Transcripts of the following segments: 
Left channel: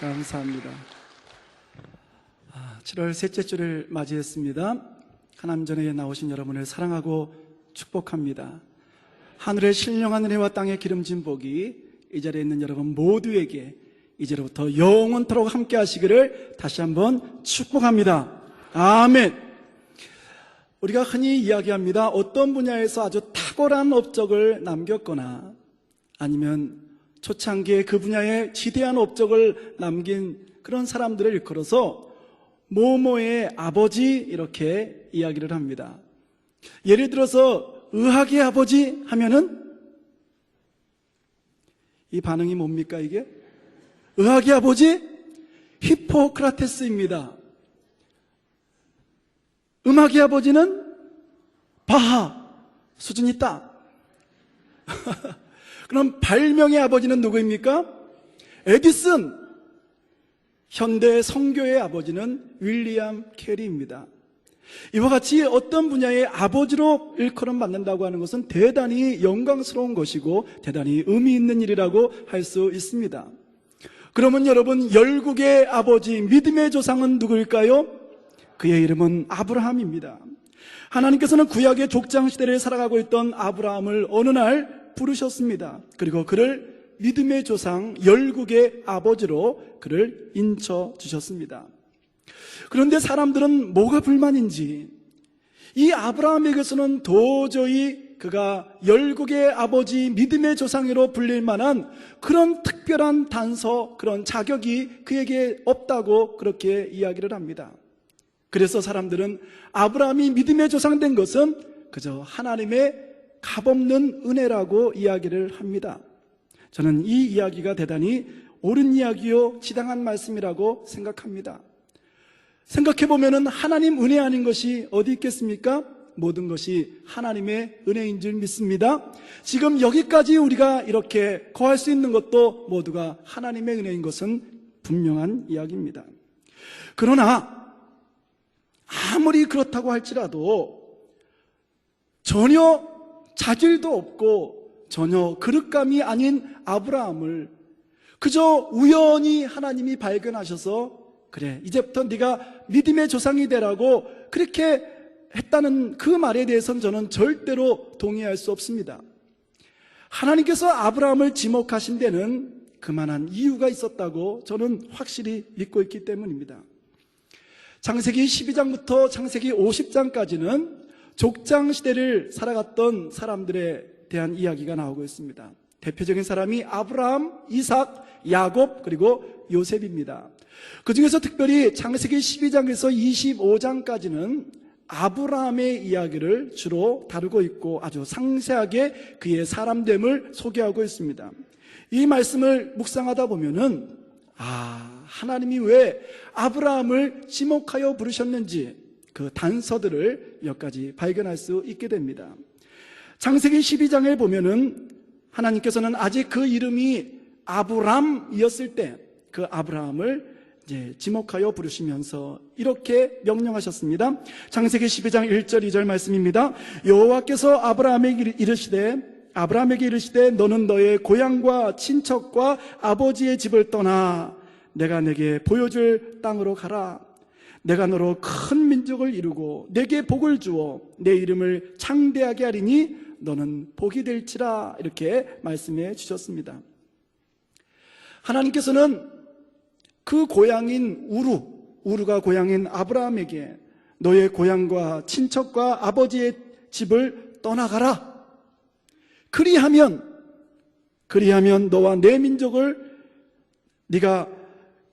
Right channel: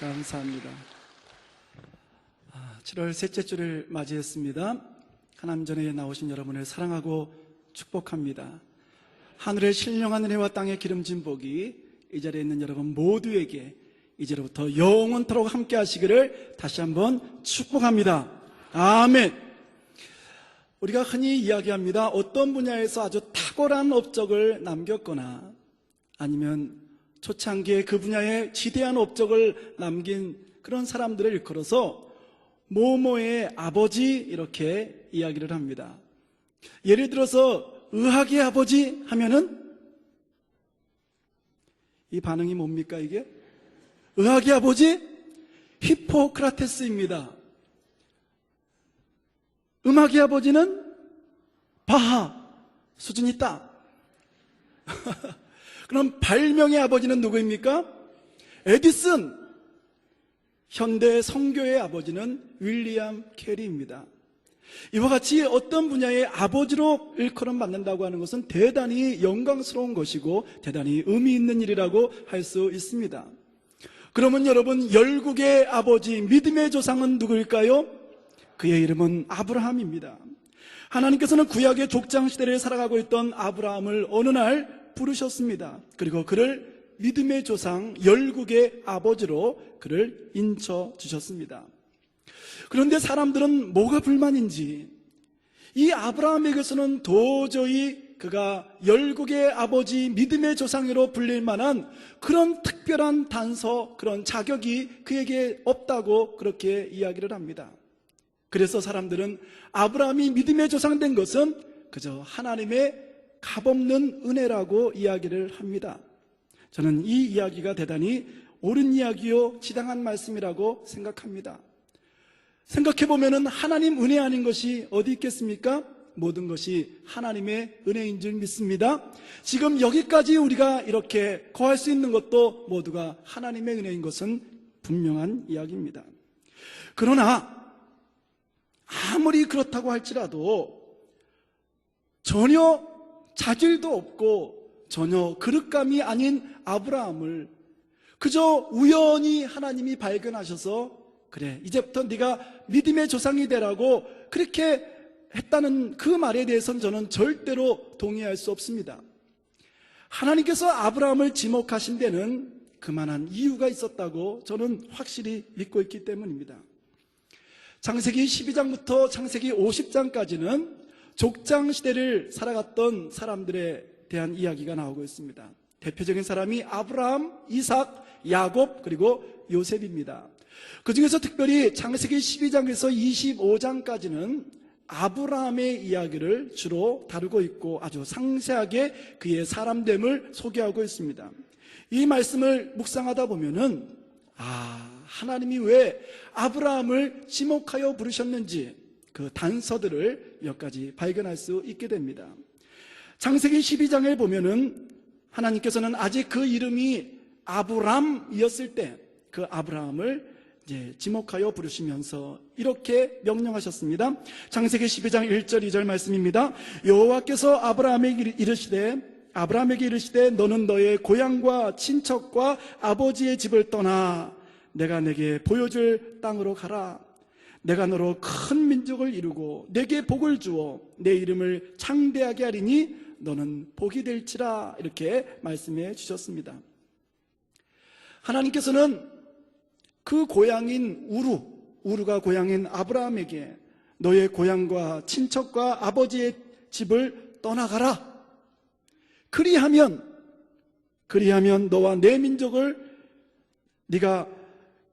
감사합니다. 7월 셋째 주를 맞이했습니다. 하나님 전에 나오신 여러분을 사랑하고 축복합니다. 하늘의 신령한 은혜와 땅의 기름진 복이 이 자리에 있는 여러분 모두에게 이제로부터 영원토록 함께 하시기를 다시 한번 축복합니다. 아멘. 우리가 흔히 이야기합니다. 어떤 분야에서 아주 탁월한 업적을 남겼거나 아니면 초창기에 그 분야에 지대한 업적을 남긴 그런 사람들을 일컬어서 모모의 아버지 이렇게 이야기를 합니다. 예를 들어서 의학의 아버지 하면은 이 반응이 뭡니까 이게? 의학의 아버지? 히포크라테스입니다. 음악의 아버지는 바하. 수준이 있다. 그럼 발명의 아버지는 누구입니까? 에디슨. 현대 성교의 아버지는 윌리엄 캐리입니다. 이와 같이 어떤 분야의 아버지로 일컬음 받는다고 하는 것은 대단히 영광스러운 것이고 대단히 의미 있는 일이라고 할 수 있습니다. 그러면 여러분, 열국의 아버지, 믿음의 조상은 누구일까요? 그의 이름은 아브라함입니다. 하나님께서는 구약의 족장시대를 살아가고 있던 아브라함을 어느 날 부르셨습니다. 그리고 그를 믿음의 조상, 열국의 아버지로 그를 인쳐주셨습니다. 그런데 사람들은 뭐가 불만인지 이 아브라함에게서는 도저히 그가 열국의 아버지, 믿음의 조상으로 불릴 만한 그런 특별한 단서, 그런 자격이 그에게 없다고 그렇게 이야기를 합니다. 그래서 사람들은 아브라함이 믿음의 조상 된 것은 그저 하나님의 값없는 은혜라고 이야기를 합니다. 저는 이 이야기가 대단히 옳은 이야기요 지당한 말씀이라고 생각합니다. 생각해보면 하나님 은혜 아닌 것이 어디 있겠습니까? 모든 것이 하나님의 은혜인 줄 믿습니다. 지금 여기까지 우리가 이렇게 거할 수 있는 것도 모두가 하나님의 은혜인 것은 분명한 이야기입니다. 그러나 아무리 그렇다고 할지라도 전혀 자질도 없고 전혀 그릇감이 아닌 아브라함을 그저 우연히 하나님이 발견하셔서 그래, 이제부터 네가 믿음의 조상이 되라고 그렇게 했다는 그 말에 대해서는 저는 절대로 동의할 수 없습니다. 하나님께서 아브라함을 지목하신 데는 그만한 이유가 있었다고 저는 확실히 믿고 있기 때문입니다. 창세기 12장부터 창세기 50장까지는 족장시대를 살아갔던 사람들에 대한 이야기가 나오고 있습니다. 대표적인 사람이 아브라함, 이삭, 야곱 그리고 요셉입니다. 그 중에서 특별히 창세기 12장에서 25장까지는 아브라함의 이야기를 주로 다루고 있고 아주 상세하게 그의 사람됨을 소개하고 있습니다. 이 말씀을 묵상하다 보면은 하나님이 왜 아브라함을 지목하여 부르셨는지 그 단서들을 몇 가지 발견할 수 있게 됩니다. 창세기 12장에 보면은 하나님께서는 아직 그 이름이 아브람이었을 때 그 아브라함을 이제 지목하여 부르시면서 이렇게 명령하셨습니다. 창세기 12장 1절 2절 말씀입니다. 여호와께서 아브라함에게 이르시되 너는 너의 고향과 친척과 아버지의 집을 떠나 내가 내게 보여줄 땅으로 가라. 내가 너로 큰 민족을 이루고 내게 복을 주어 내 이름을 창대하게 하리니 너는 복이 될지라. 이렇게 말씀해 주셨습니다. 하나님께서는 그 고향인 우루가 고향인 아브라함에게 너의 고향과 친척과 아버지의 집을 떠나가라. 그리하면 너와 내 민족을 네가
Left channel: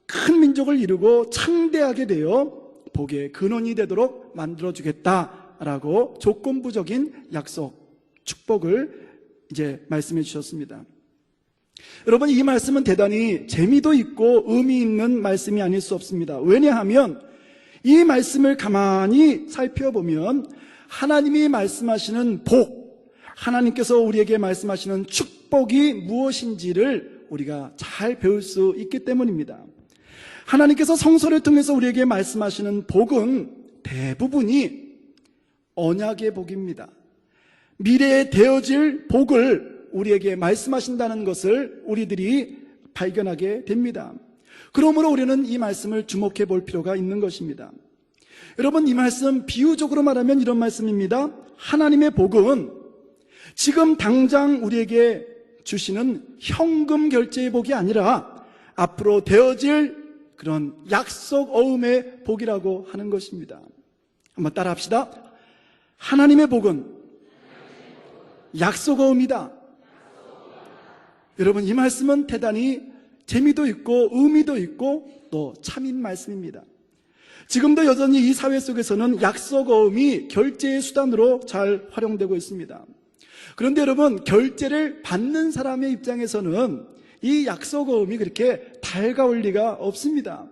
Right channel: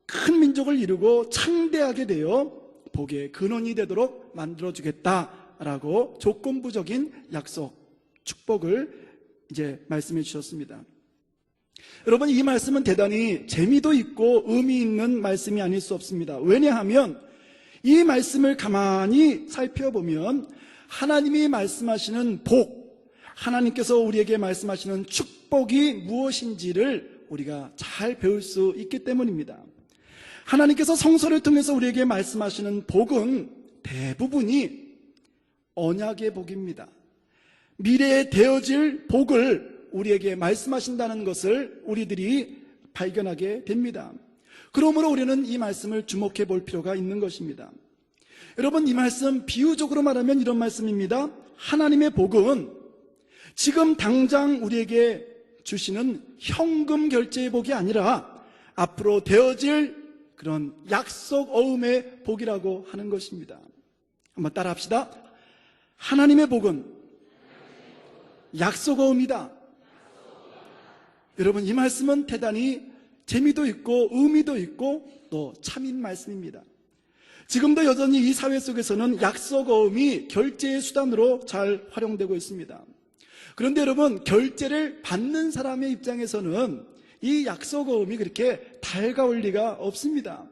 큰 민족을 이루고 창대하게 되어 복의 근원이 되도록 만들어주겠다라고 조건부적인 약속, 축복을 이제 말씀해 주셨습니다. 여러분, 이 말씀은 대단히 재미도 있고 의미 있는 말씀이 아닐 수 없습니다. 왜냐하면 이 말씀을 가만히 살펴보면 하나님이 말씀하시는 복, 하나님께서 우리에게 말씀하시는 축복이 무엇인지를 우리가 잘 배울 수 있기 때문입니다. 하나님께서 성서를 통해서 우리에게 말씀하시는 복은 대부분이 언약의 복입니다. 미래에 되어질 복을 우리에게 말씀하신다는 것을 우리들이 발견하게 됩니다. 그러므로 우리는 이 말씀을 주목해 볼 필요가 있는 것입니다. 여러분, 이 말씀 비유적으로 말하면 이런 말씀입니다. 하나님의 복은 지금 당장 우리에게 주시는 현금 결제의 복이 아니라 앞으로 되어질 그런 약속 어음의 복이라고 하는 것입니다. 한번 따라 합시다. 하나님의 복은 약속 어음이다. 여러분, 이 말씀은 대단히 재미도 있고 의미도 있고 또 참인 말씀입니다. 지금도 여전히 이 사회 속에서는 약속 어음이 결제의 수단으로 잘 활용되고 있습니다. 그런데 여러분, 결제를 받는 사람의 입장에서는 이 약속 어음이 그렇게 달가울 리가 없습니다.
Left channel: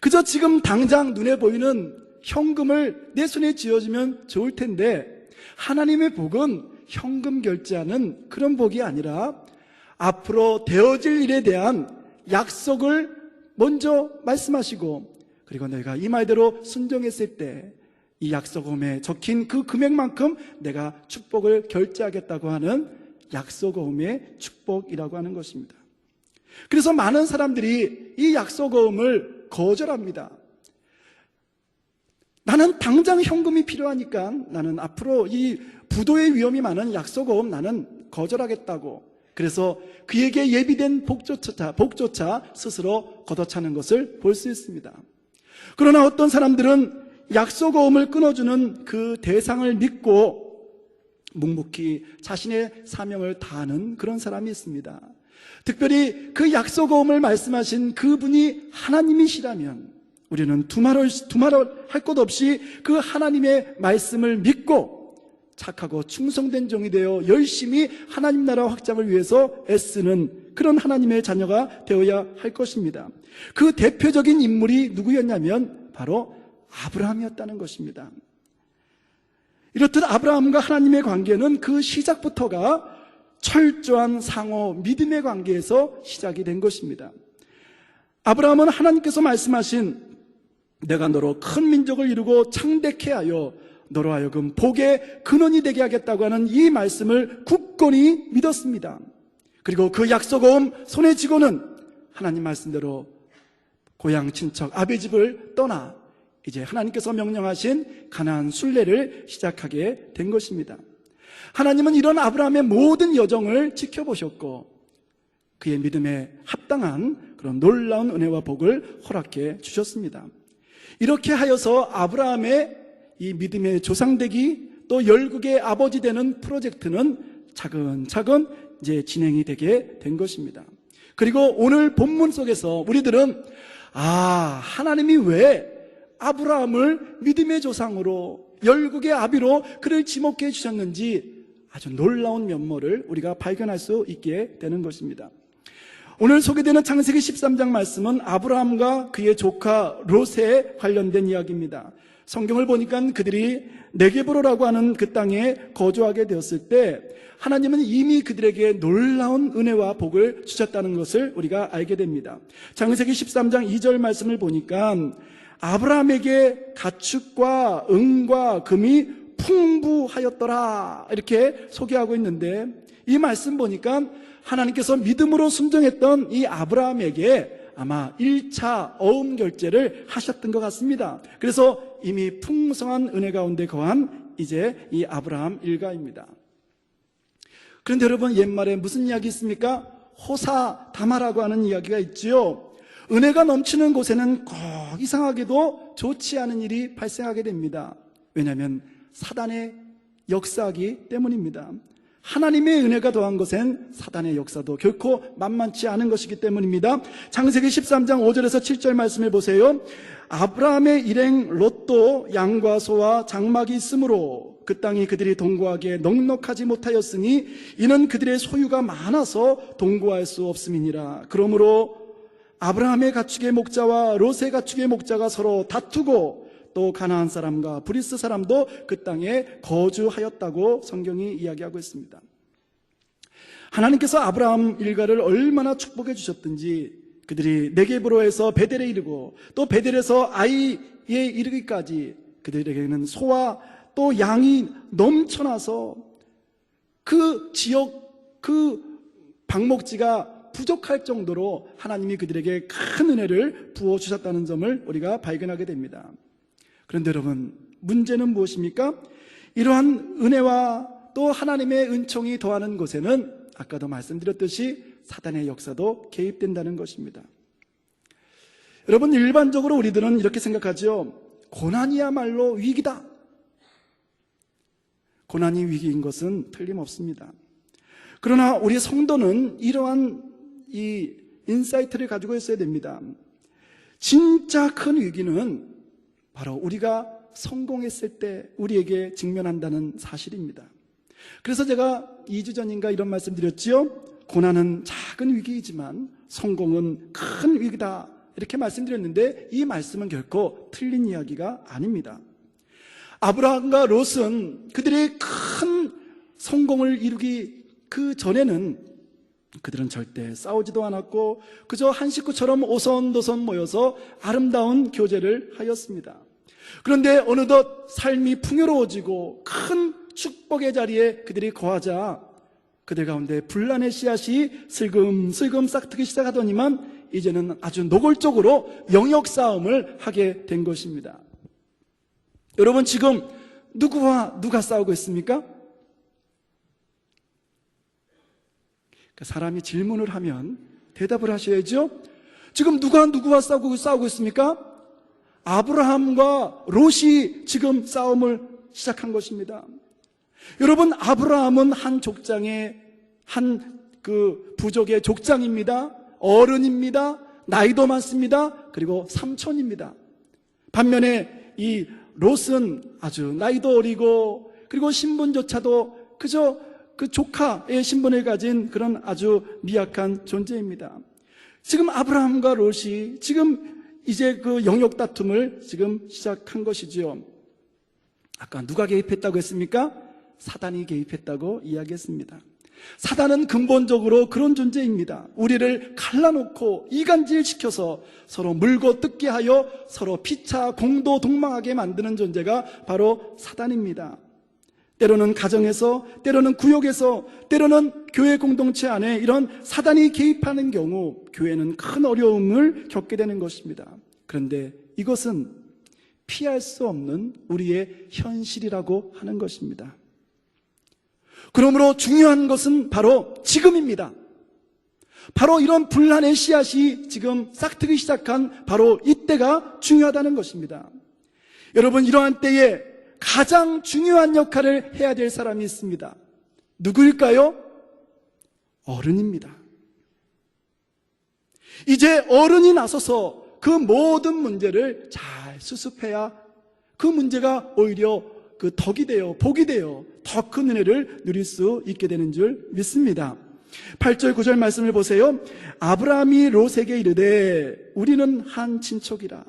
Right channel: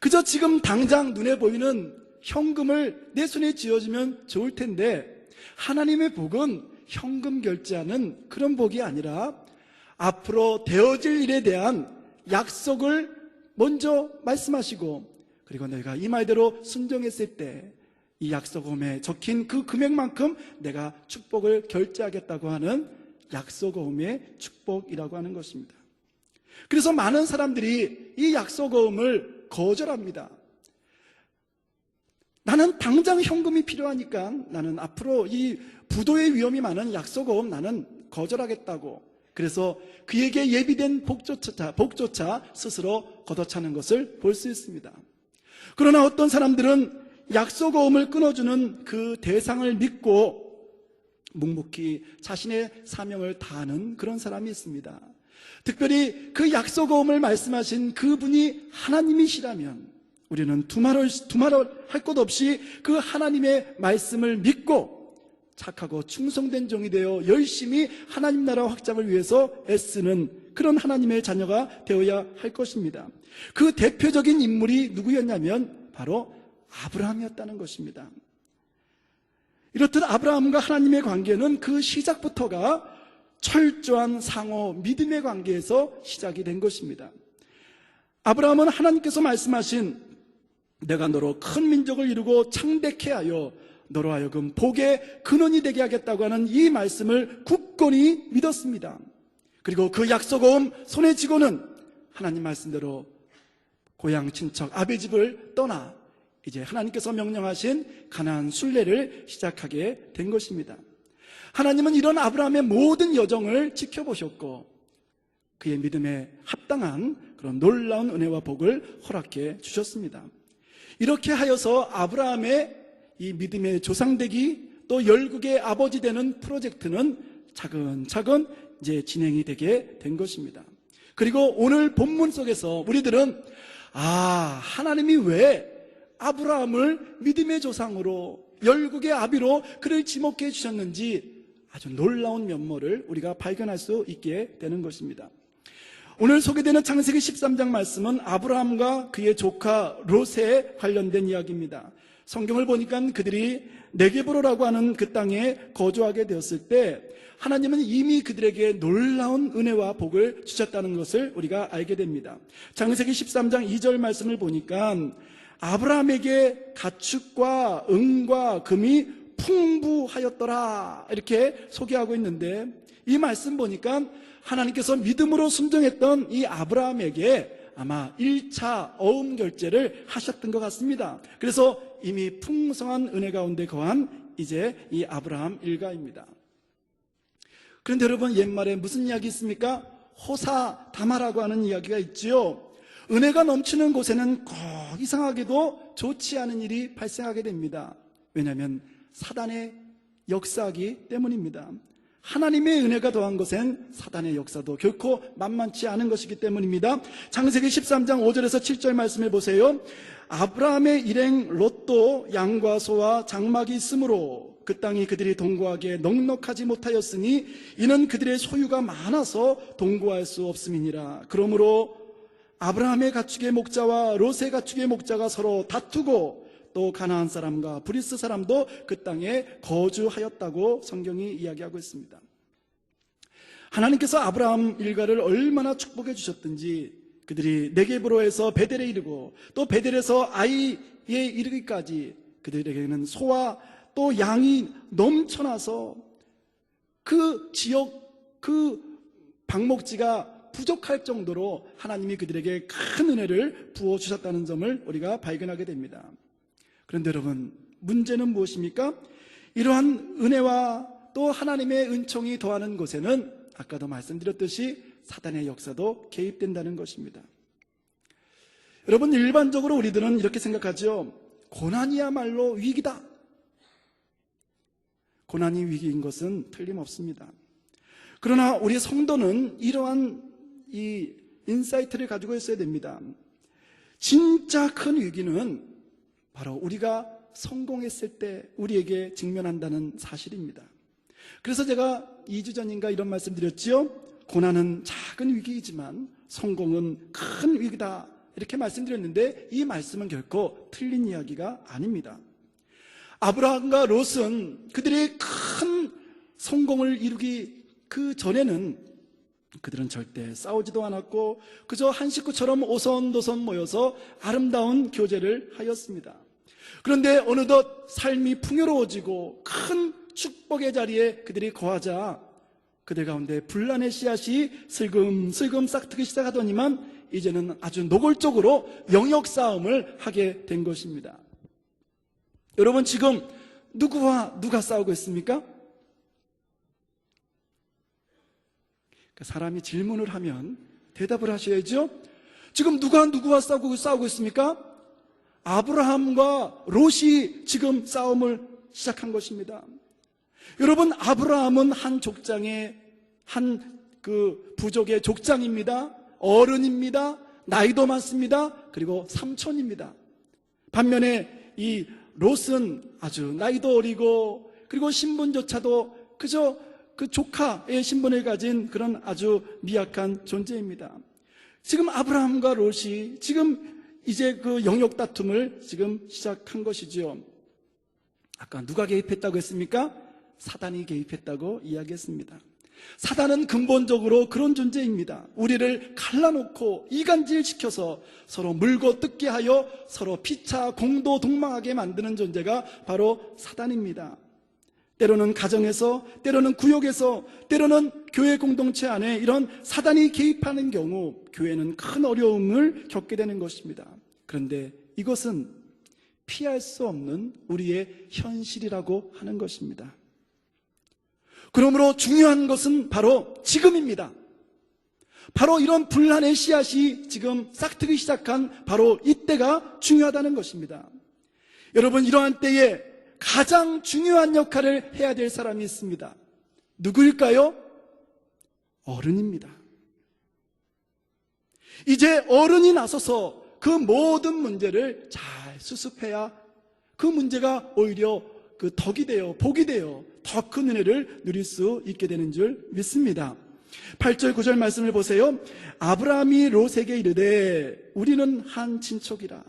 그저 지금 당장 눈에 보이는 현금을 내 손에 쥐어주면 좋을 텐데, 하나님의 복은 현금 결제하는 그런 복이 아니라 앞으로 되어질 일에 대한 약속을 먼저 말씀하시고, 그리고 내가 이 말대로 순종했을 때 이 약속음에 적힌 그 금액만큼 내가 축복을 결제하겠다고 하는 약속음의 축복이라고 하는 것입니다. 그래서 많은 사람들이 이 약속음을 거절합니다. 나는 당장 현금이 필요하니까 나는 앞으로 이 부도의 위험이 많은 약속음 나는 거절하겠다고, 그래서 그에게 예비된 복조차 스스로 걷어차는 것을 볼 수 있습니다. 그러나 어떤 사람들은 약속어음을 끊어주는 그 대상을 믿고 묵묵히 자신의 사명을 다하는 그런 사람이 있습니다. 특별히 그 약속어음을 말씀하신 그분이 하나님이시라면 우리는 두말할 것 없이 그 하나님의 말씀을 믿고 착하고 충성된 종이 되어 열심히 하나님 나라 확장을 위해서 애쓰는 그런 하나님의 자녀가 되어야 할 것입니다. 그 대표적인 인물이 누구였냐면 바로 아브라함이었다는 것입니다. 이렇듯 아브라함과 하나님의 관계는 그 시작부터가 철저한 상호 믿음의 관계에서 시작이 된 것입니다. 아브라함은 하나님께서 말씀하신 내가 너로 큰 민족을 이루고 창대케 하여 너로 하여금 복의 근원이 되게 하겠다고 하는 이 말씀을 굳건히 믿었습니다. 그리고 그 약속어음 손에 쥐고는 하나님 말씀대로 고향 친척 아베 집을 떠나 이제 하나님께서 명령하신 가나안 순례를 시작하게 된 것입니다. 하나님은 이런 아브라함의 모든 여정을 지켜보셨고 그의 믿음에 합당한 그런 놀라운 은혜와 복을 허락해 주셨습니다. 이렇게 하여서 아브라함의 이 믿음의 조상되기 또 열국의 아버지 되는 프로젝트는 차근차근 이제 진행이 되게 된 것입니다. 그리고 오늘 본문 속에서 우리들은 하나님이 왜 아브라함을 믿음의 조상으로 열국의 아비로 그를 지목해 주셨는지 아주 놀라운 면모를 우리가 발견할 수 있게 되는 것입니다. 오늘 소개되는 창세기 13장 말씀은 아브라함과 그의 조카 롯에 관련된 이야기입니다. 성경을 보니까 그들이 네게브로라고 하는 그 땅에 거주하게 되었을 때 하나님은 이미 그들에게 놀라운 은혜와 복을 주셨다는 것을 우리가 알게 됩니다. 창세기 13장 2절 말씀을 보니까 아브라함에게 가축과 은과 금이 풍부하였더라 이렇게 소개하고 있는데, 이 말씀 보니까 하나님께서 믿음으로 순종했던 이 아브라함에게 아마 1차 어음 결제를 하셨던 것 같습니다. 그래서 이미 풍성한 은혜 가운데 거한 이제 이 아브라함 일가입니다. 그런데 여러분, 옛말에 무슨 이야기 있습니까? 호사다마라고 하는 이야기가 있지요. 은혜가 넘치는 곳에는 꼭 이상하게도 좋지 않은 일이 발생하게 됩니다. 왜냐하면 사단의 역사이기 때문입니다. 하나님의 은혜가 더한 것엔 사단의 역사도 결코 만만치 않은 것이기 때문입니다. 창세기 13장 5절에서 7절 말씀을 보세요. 아브라함의 일행 롯도 양과 소와 장막이 있으므로 그 땅이 그들이 동거하기에 넉넉하지 못하였으니 이는 그들의 소유가 많아서 동거할 수 없음이니라. 그러므로 아브라함의 가축의 목자와 롯의 가축의 목자가 서로 다투고 또 가나안 사람과 브리스 사람도 그 땅에 거주하였다고 성경이 이야기하고 있습니다. 하나님께서 아브라함 일가를 얼마나 축복해 주셨든지 그들이 네게브로에서 베델에 이르고 또 베델에서 아이에 이르기까지 그들에게는 소와 또 양이 넘쳐나서 그 지역 그 방목지가 부족할 정도로 하나님이 그들에게 큰 은혜를 부어주셨다는 점을 우리가 발견하게 됩니다. 그런데 여러분, 문제는 무엇입니까? 이러한 은혜와 또 하나님의 은총이 더하는 곳에는 아까도 말씀드렸듯이 사단의 역사도 개입된다는 것입니다. 여러분, 일반적으로 우리들은 이렇게 생각하죠. 고난이야말로 위기다. 고난이 위기인 것은 틀림없습니다. 그러나 우리 성도는 이러한 이 인사이트를 가지고 있어야 됩니다. 진짜 큰 위기는 바로 우리가 성공했을 때 우리에게 직면한다는 사실입니다. 그래서 제가 2주 전인가 이런 말씀 드렸지요. 고난은 작은 위기이지만 성공은 큰 위기다, 이렇게 말씀드렸는데 이 말씀은 결코 틀린 이야기가 아닙니다. 아브라함과 롯은 그들이 큰 성공을 이루기 그 전에는 그들은 절대 싸우지도 않았고 그저 한 식구처럼 오손도손 모여서 아름다운 교제를 하였습니다. 그런데 어느덧 삶이 풍요로워지고 큰 축복의 자리에 그들이 거하자 그들 가운데 분란의 씨앗이 슬금슬금 싹트기 시작하더니만 이제는 아주 노골적으로 영역 싸움을 하게 된 것입니다. 여러분, 지금 누구와 누가 싸우고 있습니까? 사람이 질문을 하면 대답을 하셔야죠. 지금 누가 누구와 싸우고 있습니까? 아브라함과 롯이 지금 싸움을 시작한 것입니다. 여러분, 아브라함은 한 족장의 한 그 부족의 족장입니다. 어른입니다. 나이도 많습니다. 그리고 삼촌입니다. 반면에 이 롯은 아주 나이도 어리고 그리고 신분조차도 그저 그 조카의 신분을 가진 그런 아주 미약한 존재입니다. 지금 아브라함과 롯이 지금 이제 그 영역 다툼을 지금 시작한 것이죠. 아까 누가 개입했다고 했습니까? 사단이 개입했다고 이야기했습니다. 사단은 근본적으로 그런 존재입니다. 우리를 갈라놓고 이간질시켜서 서로 물고 뜯게 하여 서로 피차 공도 동망하게 만드는 존재가 바로 사단입니다. 때로는 가정에서, 때로는 구역에서, 때로는 교회 공동체 안에 이런 사단이 개입하는 경우 교회는 큰 어려움을 겪게 되는 것입니다. 그런데 이것은 피할 수 없는 우리의 현실이라고 하는 것입니다. 그러므로 중요한 것은 바로 지금입니다. 바로 이런 분란의 씨앗이 지금 싹트기 시작한 바로 이때가 중요하다는 것입니다. 여러분, 이러한 때에 가장 중요한 역할을 해야 될 사람이 있습니다. 누구일까요? 어른입니다. 이제 어른이 나서서 그 모든 문제를 잘 수습해야 그 문제가 오히려 그 덕이 되어 복이 되어 더 큰 은혜를 누릴 수 있게 되는 줄 믿습니다. 8절 9절 말씀을 보세요. 아브라함이 롯에게 이르되 우리는 한 친족이라.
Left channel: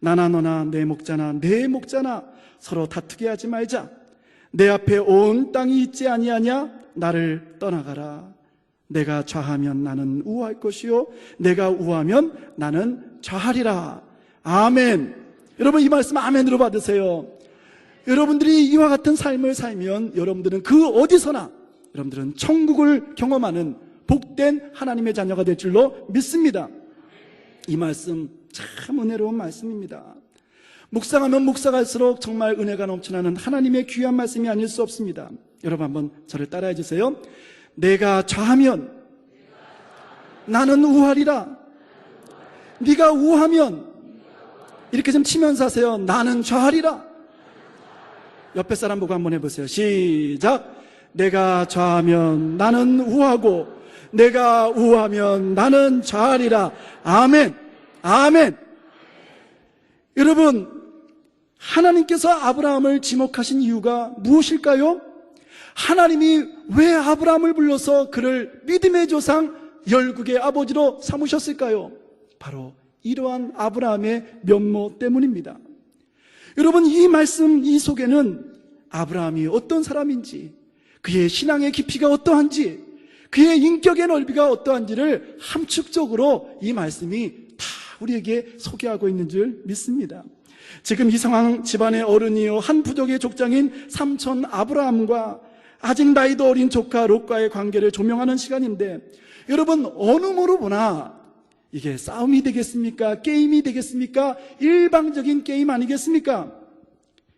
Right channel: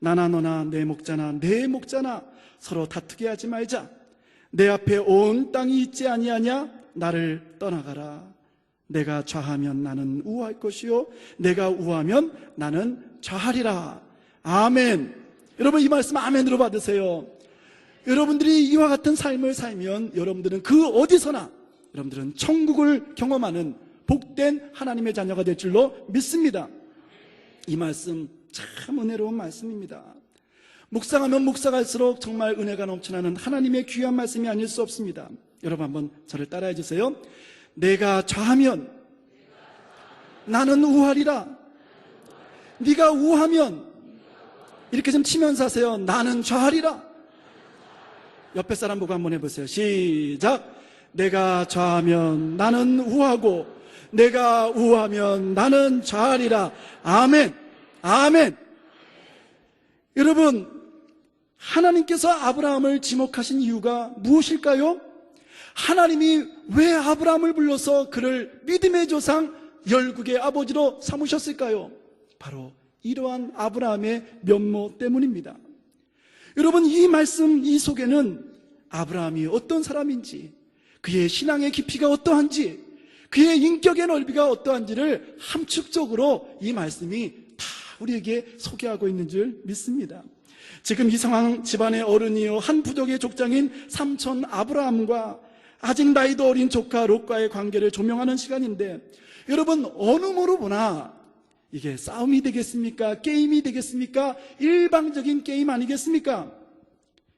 나나 너나 내 목자나 내 목자나 서로 다투게 하지 말자. 내 앞에 온 땅이 있지 아니하냐? 나를 떠나가라. 내가 좌하면 나는 우할 것이요 내가 우하면 나는 좌하리라. 아멘. 여러분, 이 말씀 아멘으로 받으세요. 여러분들이 이와 같은 삶을 살면 여러분들은 그 어디서나 여러분들은 천국을 경험하는 복된 하나님의 자녀가 될 줄로 믿습니다. 이 말씀 참 은혜로운 말씀입니다. 묵상하면 묵상할수록 정말 은혜가 넘쳐나는 하나님의 귀한 말씀이 아닐 수 없습니다. 여러분, 한번 저를 따라해 주세요. 내가 좌하면 나는 우하리라. 네가 우하면 이렇게 좀 치면서 하세요. 나는 좌하리라. 옆에 사람 보고 한번 해보세요. 시작. 내가 좌하면 나는 우하고 내가 우하면 나는 좌하리라. 아멘. 아멘. 여러분, 하나님께서 아브라함을 지목하신 이유가 무엇일까요? 하나님이 왜 아브라함을 불러서 그를 믿음의 조상 열국의 아버지로 삼으셨을까요? 바로 이러한 아브라함의 면모 때문입니다. 여러분, 이 말씀 이 속에는 아브라함이 어떤 사람인지, 그의 신앙의 깊이가 어떠한지, 그의 인격의 넓이가 어떠한지를 함축적으로 이 말씀이 다 우리에게 소개하고 있는 줄 믿습니다. 지금 이 상황, 집안의 어른이요 한 부족의 족장인 삼촌 아브라함과 아직 나이도 어린 조카 롯과의 관계를 조명하는 시간인데, 여러분, 어느 뭐로 보나 이게 싸움이 되겠습니까? 게임이 되겠습니까? 일방적인 게임 아니겠습니까?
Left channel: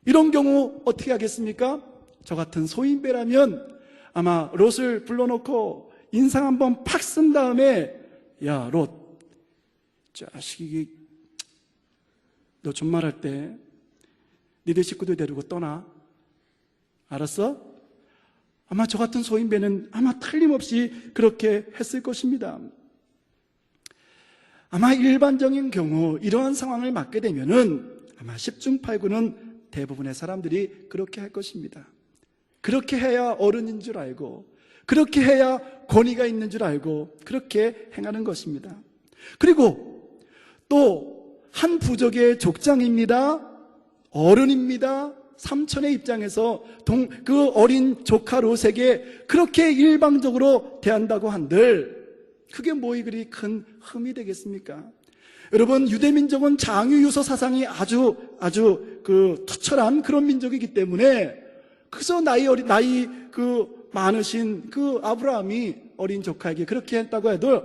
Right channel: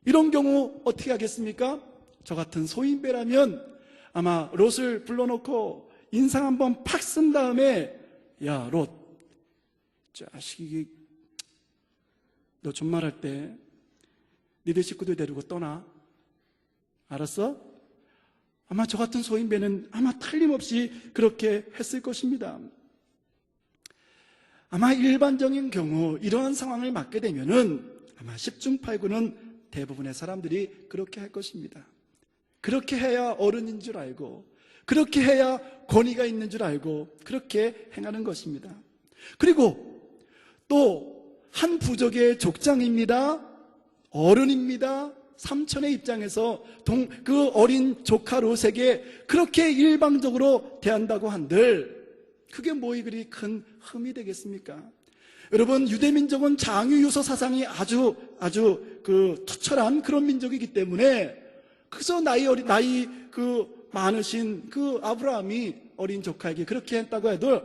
이런 경우 어떻게 하겠습니까? 저 같은 소인배라면 아마 롯을 불러놓고 인상 한번 팍 쓴 다음에, 야, 롯, 자식이 너 존말할 때 니네 식구들 데리고 떠나. 알았어? 아마 저 같은 소인배는 아마 틀림없이 그렇게 했을 것입니다. 아마 일반적인 경우 이러한 상황을 맞게 되면은 아마 10중 8구는 대부분의 사람들이 그렇게 할 것입니다. 그렇게 해야 어른인 줄 알고, 그렇게 해야 권위가 있는 줄 알고 그렇게 행하는 것입니다. 그리고 또 한 부족의 족장입니다. 어른입니다. 삼촌의 입장에서 그 어린 조카 롯에게 그렇게 일방적으로 대한다고 한들 그게 뭐이 그리 큰 흠이 되겠습니까? 여러분, 유대민족은 장유유서 사상이 아주 투철한 그런 민족이기 때문에 그저 나이 많으신 그 아브라함이 어린 조카에게 그렇게 했다고 해도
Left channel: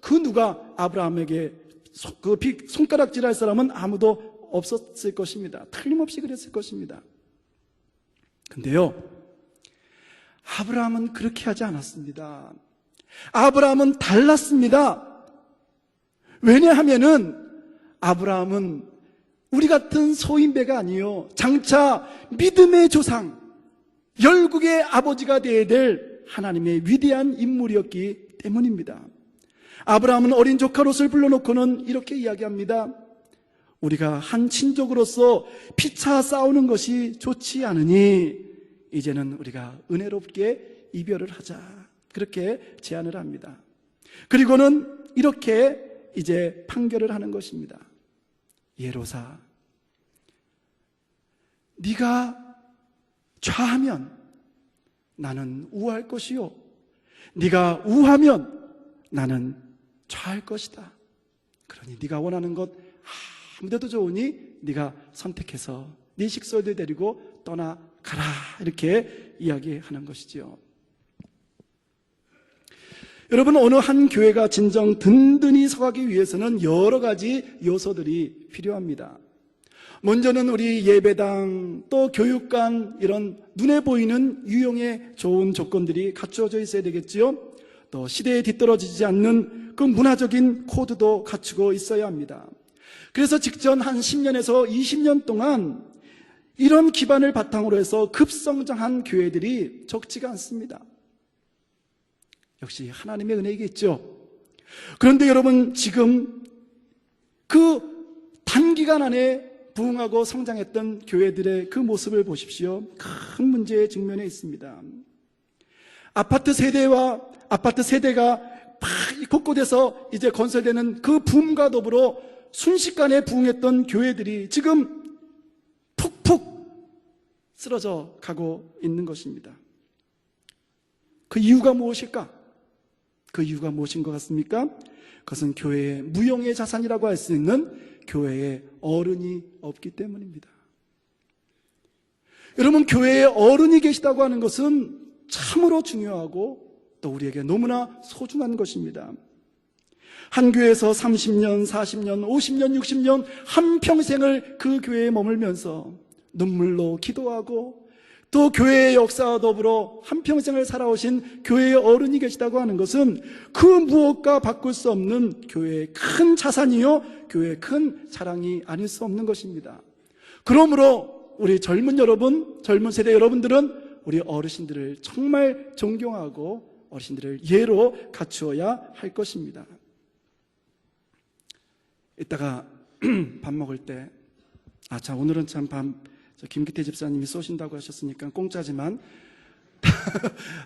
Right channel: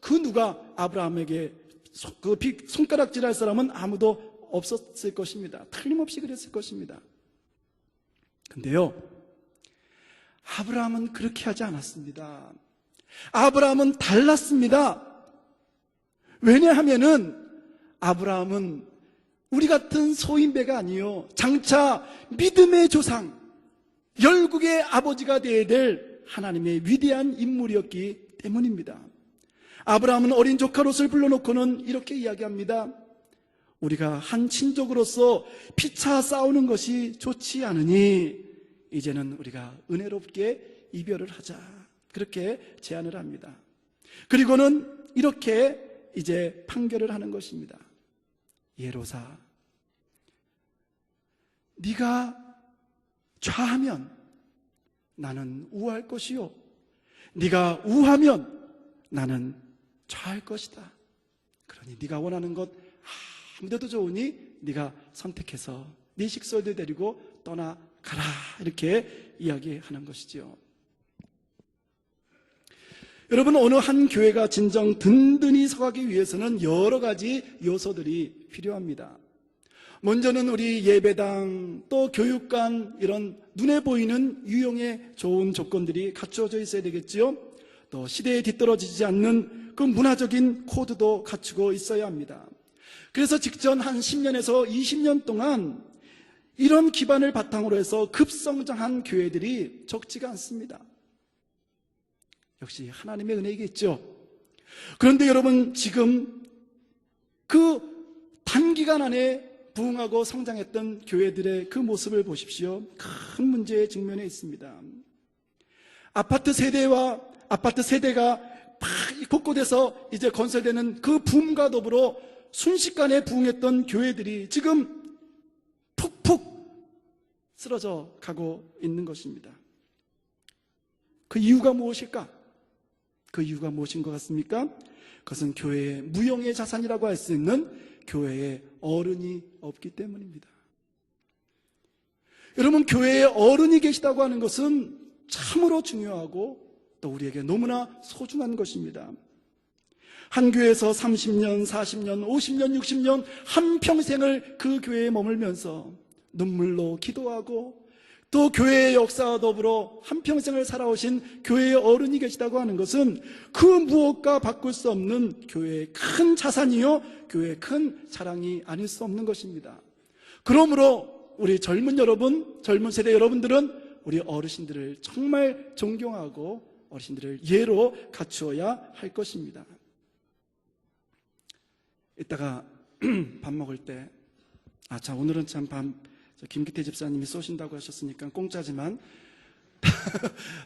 그 누가 아브라함에게 손가락질할 사람은 아무도 없었을 것입니다. 틀림없이 그랬을 것입니다. 근데요, 아브라함은 그렇게 하지 않았습니다. 아브라함은 달랐습니다. 왜냐하면은 아브라함은 우리 같은 소인배가 아니요, 장차 믿음의 조상, 열국의 아버지가 되어야 될 하나님의 위대한 인물이었기 때문입니다. 아브라함은 어린 조카 롯을 불러놓고는 이렇게 이야기합니다. 우리가 한 친족으로서 피차 싸우는 것이 좋지 않으니 이제는 우리가 은혜롭게 이별을 하자. 그렇게 제안을 합니다. 그리고는 이렇게 이제 판결을 하는 것입니다. 예로사, 네가 좌하면 나는 우할 것이요, 네가 우하면 나는 좌할 것이다. 그러니 네가 원하는 것 아무데도 좋으니 네가 선택해서 네 식구들 데리고 떠나가라. 이렇게 이야기하는 것이지요. 여러분, 어느 한 교회가 진정 든든히 서가기 위해서는 여러 가지 요소들이 필요합니다. 먼저는 우리 예배당, 또 교육관, 이런 눈에 보이는 유용에 좋은 조건들이 갖추어져 있어야 되겠지요. 또 시대에 뒤떨어지지 않는 그 문화적인 코드도 갖추고 있어야 합니다. 그래서 직전 한 10년에서 20년 동안 이런 기반을 바탕으로 해서 급성장한 교회들이 적지가 않습니다. 역시 하나님의 은혜이겠죠. 그런데 여러분, 지금 그 단기간 안에 부흥하고 성장했던 교회들의 그 모습을 보십시오. 큰 문제에 직면해 있습니다. 아파트 세대가 곳곳에서 이제 건설되는 그 붐과 더불어 순식간에 부흥했던 교회들이 지금 푹푹 쓰러져 가고 있는 것입니다. 그 이유가 무엇일까? 그 이유가 무엇인 것 같습니까? 그것은 교회의 무형의 자산이라고 할 수 있는 교회의 어른이 없기 때문입니다. 여러분, 교회에 어른이 계시다고 하는 것은 참으로 중요하고 또 우리에게 너무나 소중한 것입니다. 한 교회에서 30년, 40년, 50년, 60년 한평생을 그 교회에 머물면서 눈물로 기도하고 또 교회의 역사와 더불어 한평생을 살아오신 교회의 어른이 계시다고 하는 것은 그 무엇과 바꿀 수 없는 교회의 큰 자산이요, 교회의 큰 자랑이 아닐 수 없는 것입니다. 그러므로 우리 젊은 세대 여러분들은 우리 어르신들을 정말 존경하고 어르신들을 예로 갖추어야 할 것입니다. 이따가 밥 먹을 때, 오늘은 참 김기태 집사님이 쏘신다고 하셨으니까 공짜지만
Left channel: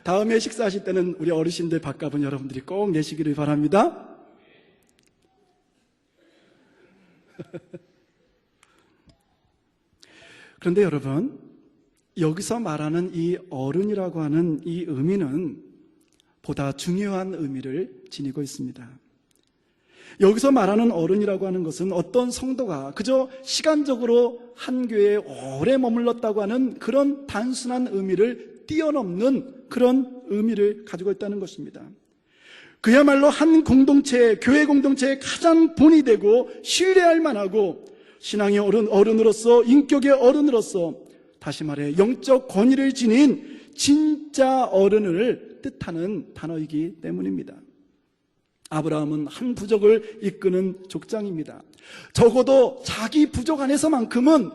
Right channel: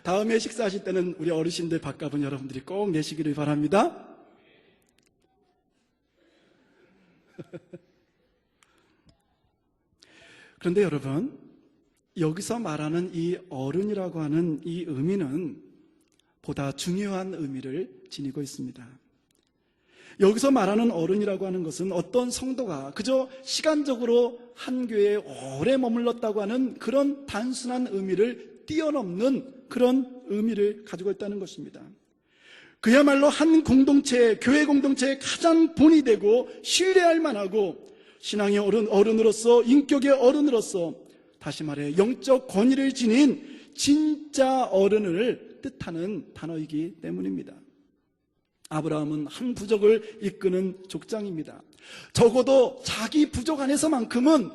다음에 식사하실 때는 우리 어르신들 밥값은 여러분들이 꼭 내시기를 바랍니다. 그런데 여러분, 여기서 말하는 이 어른이라고 하는 이 의미는 보다 중요한 의미를 지니고 있습니다. 여기서 말하는 어른이라고 하는 것은 어떤 성도가 그저 시간적으로 한 교회에 오래 머물렀다고 하는 그런 단순한 의미를 뛰어넘는 그런 의미를 가지고 있다는 것입니다. 그야말로 한 공동체, 교회 공동체의 가장 본이 되고 신뢰할 만하고 신앙의 어른으로서, 인격의 어른으로서, 다시 말해 영적 권위를 지닌 진짜 어른을 뜻하는 단어이기 때문입니다. 아브라함은 한 부족을 이끄는 족장입니다. 적어도 자기 부족 안에서만큼은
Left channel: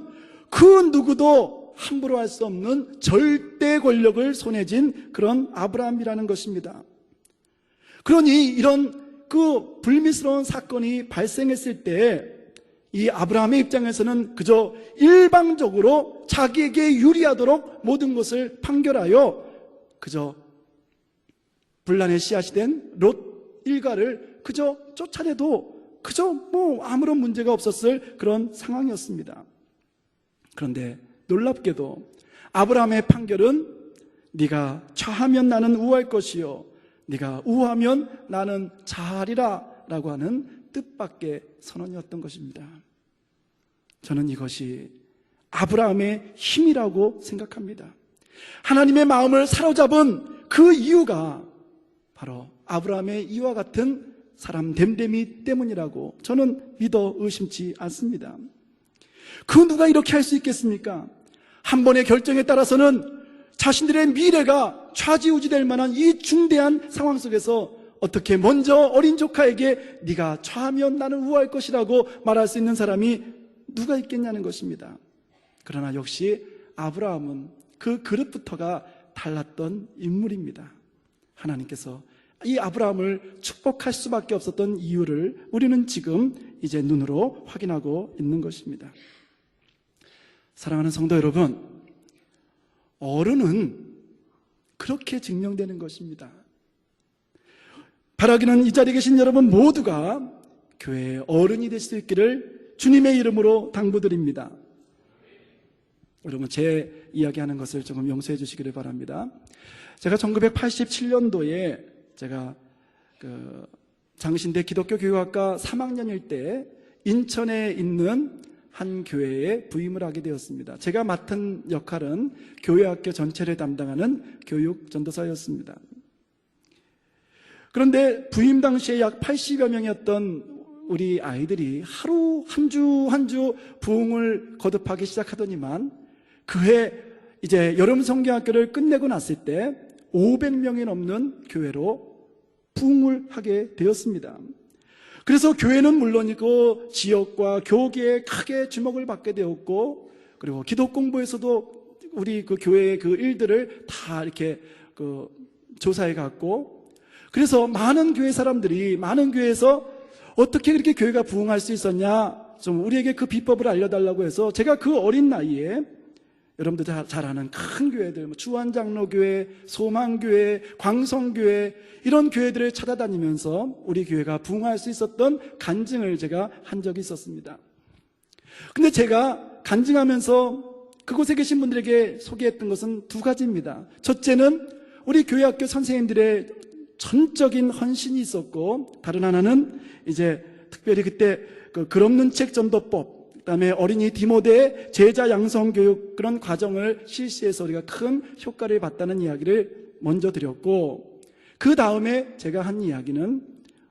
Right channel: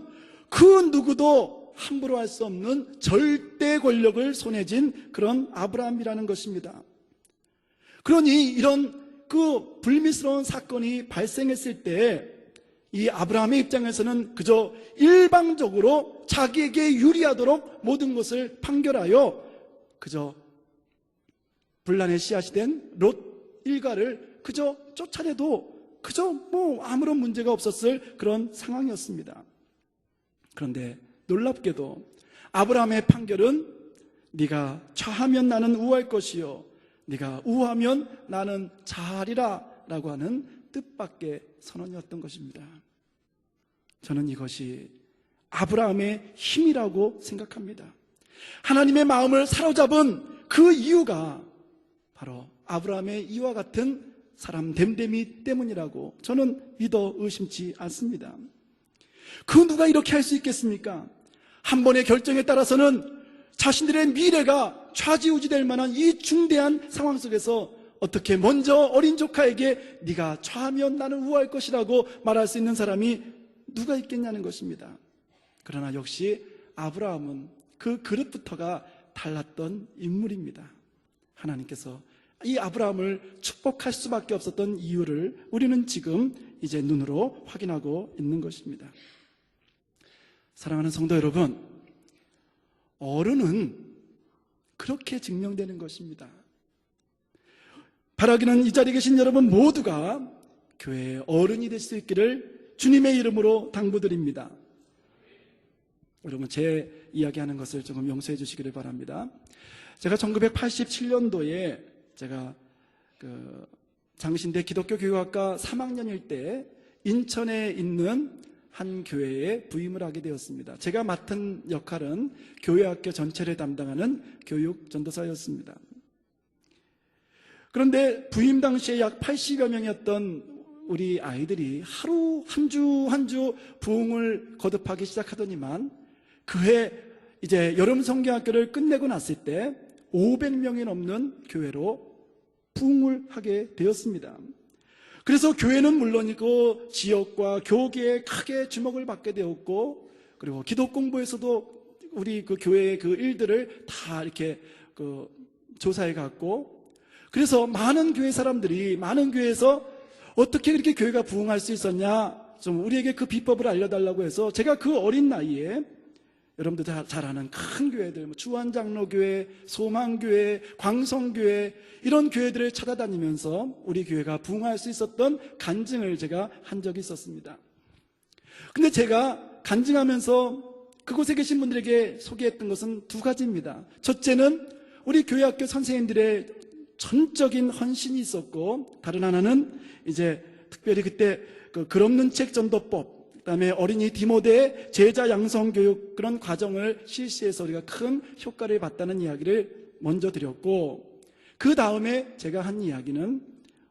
그 누구도 함부로 할 수 없는 절대 권력을 손에 쥔 그런 아브라함이라는 것입니다. 그러니 이런 그 불미스러운 사건이 발생했을 때 이 아브라함의 입장에서는 그저 일방적으로 자기에게 유리하도록 모든 것을 판결하여 그저 분란의 씨앗이 된 롯 일가를 그저 쫓아내도 그저 뭐 아무런 문제가 없었을 그런 상황이었습니다. 그런데 놀랍게도 아브라함의 판결은 네가 좌하면 나는 우할 것이요 네가 우하면 나는 좌하리라 라고 하는 뜻밖의 선언이었던 것입니다. 저는 이것이 아브라함의 힘이라고 생각합니다. 하나님의 마음을 사로잡은 그 이유가 바로 아브라함의 이와 같은 사람 됨됨이 때문이라고 저는 믿어 의심치 않습니다. 그 누가 이렇게 할 수 있겠습니까? 한 번의 결정에 따라서는 자신들의 미래가 좌지우지될 만한 이 중대한 상황 속에서 어떻게 먼저 어린 조카에게 네가 좌하면 나는 우할 것이라고 말할 수 있는 사람이 누가 있겠냐는 것입니다. 그러나 역시 아브라함은 그 그릇부터가 달랐던 인물입니다. 하나님께서 이 아브라함을 축복할 수밖에 없었던 이유를 우리는 지금 이제 눈으로 확인하고 있는 것입니다. 사랑하는 성도 여러분, 어른은 그렇게 증명되는 것입니다. 바라기는 이 자리에 계신 여러분 모두가 교회의 어른이 될 수 있기를 주님의 이름으로 당부드립니다. 여러분, 제 이야기하는 것을 조금 용서해 주시기를 바랍니다. 제가 1987년도에 제가 장신대 기독교 교육학과 3학년일 때 인천에 있는 한 교회에 부임을 하게 되었습니다. 제가 맡은 역할은 교회학교 전체를 담당하는 교육 전도사였습니다. 그런데 부임 당시에 약 80여 명이었던 우리 아이들이 하루 한 주 한 주 부흥을 거듭하기 시작하더니만 그해 이제 여름 성경학교를 끝내고 났을 때 500명이 넘는 교회로 부흥을 하게 되었습니다. 그래서 교회는 물론이고 지역과 교계에 크게 주목을 받게 되었고, 그리고 기독 공부에서도 우리 그 교회의 그 일들을 다 이렇게 조사해 갔고, 그래서 많은 교회 사람들이 많은 교회에서 어떻게 그렇게 교회가 부흥할 수 있었냐, 좀 우리에게 그 비법을 알려달라고 해서 제가 그 어린 나이에 여러분들 잘 아는 큰 교회들, 주안장로교회, 소망교회, 광성교회, 이런 교회들을 찾아다니면서 우리 교회가 부흥할 수 있었던 간증을 제가 한 적이 있었습니다. 근데 제가 간증하면서 그곳에 계신 분들에게 소개했던 것은 두 가지입니다. 첫째는 우리 교회학교 선생님들의 전적인 헌신이 있었고, 다른 하나는 이제 특별히 그때 글 없는 책 전도법, 그다음에 어린이 디모데의 제자 양성 교육, 그런 과정을 실시해서 우리가 큰 효과를 봤다는 이야기를 먼저 드렸고, 그 다음에 제가 한 이야기는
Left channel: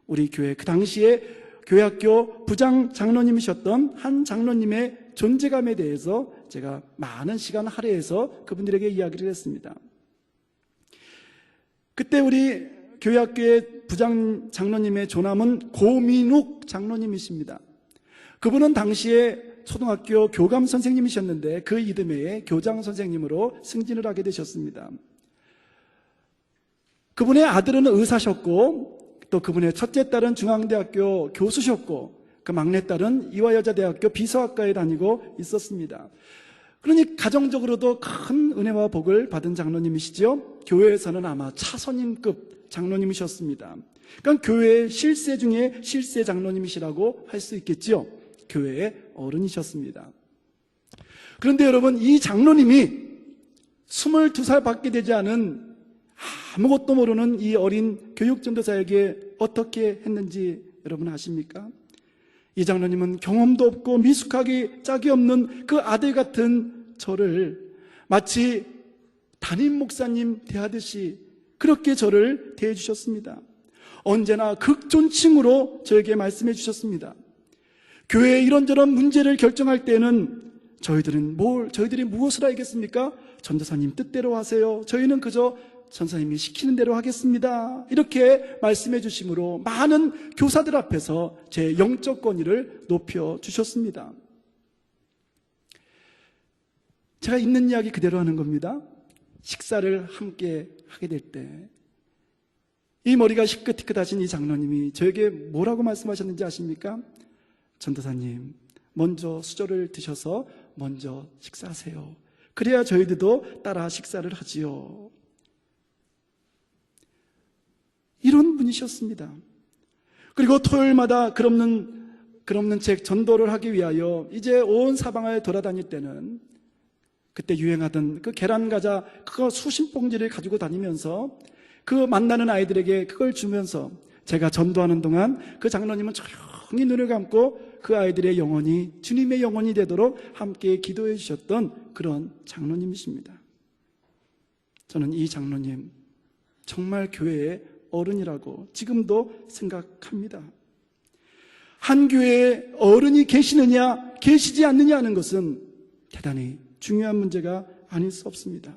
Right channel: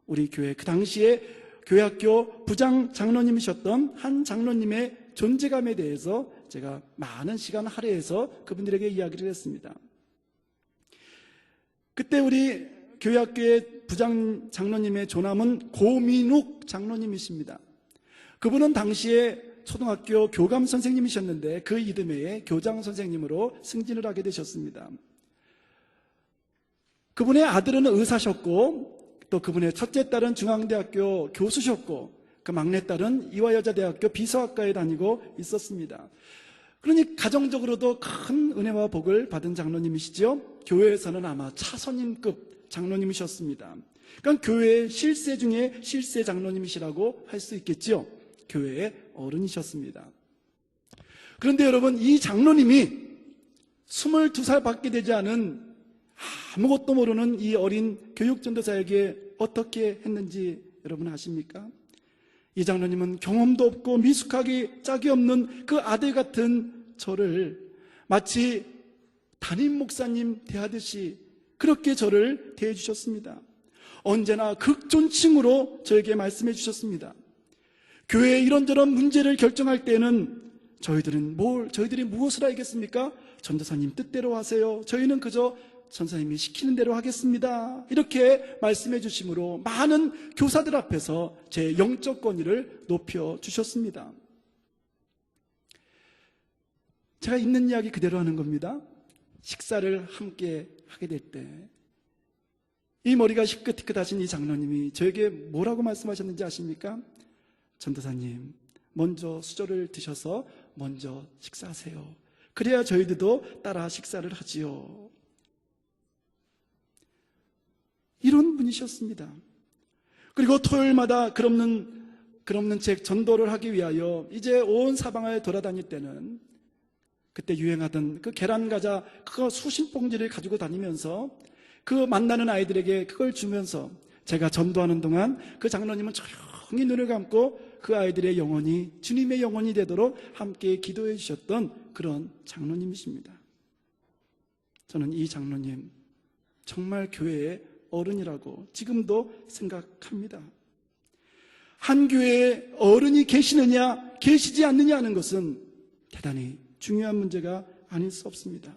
우리 교회 그 당시에 교회학교 부장 장로님이셨던 한 장로님의 존재감에 대해서 제가 많은 시간 할애해서 그분들에게 이야기를 했습니다. 그때 우리 교회학교의 부장 장로님의 조남은 고민욱 장로님이십니다. 그분은 당시에 초등학교 교감 선생님이셨는데 그 이듬해에 교장 선생님으로 승진을 하게 되셨습니다. 그분의 아들은 의사셨고, 또 그분의 첫째 딸은 중앙대학교 교수셨고, 그 막내딸은 이화여자대학교 비서학과에 다니고 있었습니다. 그러니 가정적으로도 큰 은혜와 복을 받은 장로님이시죠. 교회에서는 아마 차선임급 장로님이셨습니다. 그러니까 교회의 실세 중에 실세 장로님이시라고 할 수 있겠죠. 교회의 어른이셨습니다. 그런데 여러분, 이 장로님이 22살밖에 되지 않은 아무것도 모르는 이 어린 교육전도사에게 어떻게 했는지 여러분 아십니까? 이 장로님은 경험도 없고 미숙하기 짝이 없는 그 아들 같은 저를 마치 담임 목사님 대하듯이 그렇게 저를 대해주셨습니다. 언제나 극존칭으로 저에게 말씀해 주셨습니다. 교회의 이런저런 문제를 결정할 때는 저희들이 무엇을 알겠습니까? 전도사님 뜻대로 하세요. 저희는 그저 전사님이 시키는 대로 하겠습니다. 이렇게 말씀해 주심으로 많은 교사들 앞에서 제 영적 권위를 높여 주셨습니다. 제가 있는 이야기 그대로 하는 겁니다. 식사를 함께 하게 될 때 이 머리가 희끗희끗하신 이 장로님이 저에게 뭐라고 말씀하셨는지 아십니까? 전도사님, 먼저 수저를 드셔서 먼저 식사하세요. 그래야 저희들도 따라 식사를 하지요. 이런 분이셨습니다. 그리고 토요일마다 글 없는 책 전도를 하기 위하여 이제 온 사방을 돌아다닐 때는 그때 유행하던 그 계란 과자 그거 수십 봉지를 가지고 다니면서 그 만나는 아이들에게 그걸 주면서 제가 전도하는 동안 그 장로님은 조용히 눈을 감고 그 아이들의 영혼이 주님의 영혼이 되도록 함께 기도해 주셨던 그런 장로님이십니다. 저는 이 장로님 정말 교회의 어른이라고 지금도 생각합니다. 한 교회에 어른이 계시느냐 계시지 않느냐 하는 것은 대단히 중요한 문제가 아닐 수 없습니다.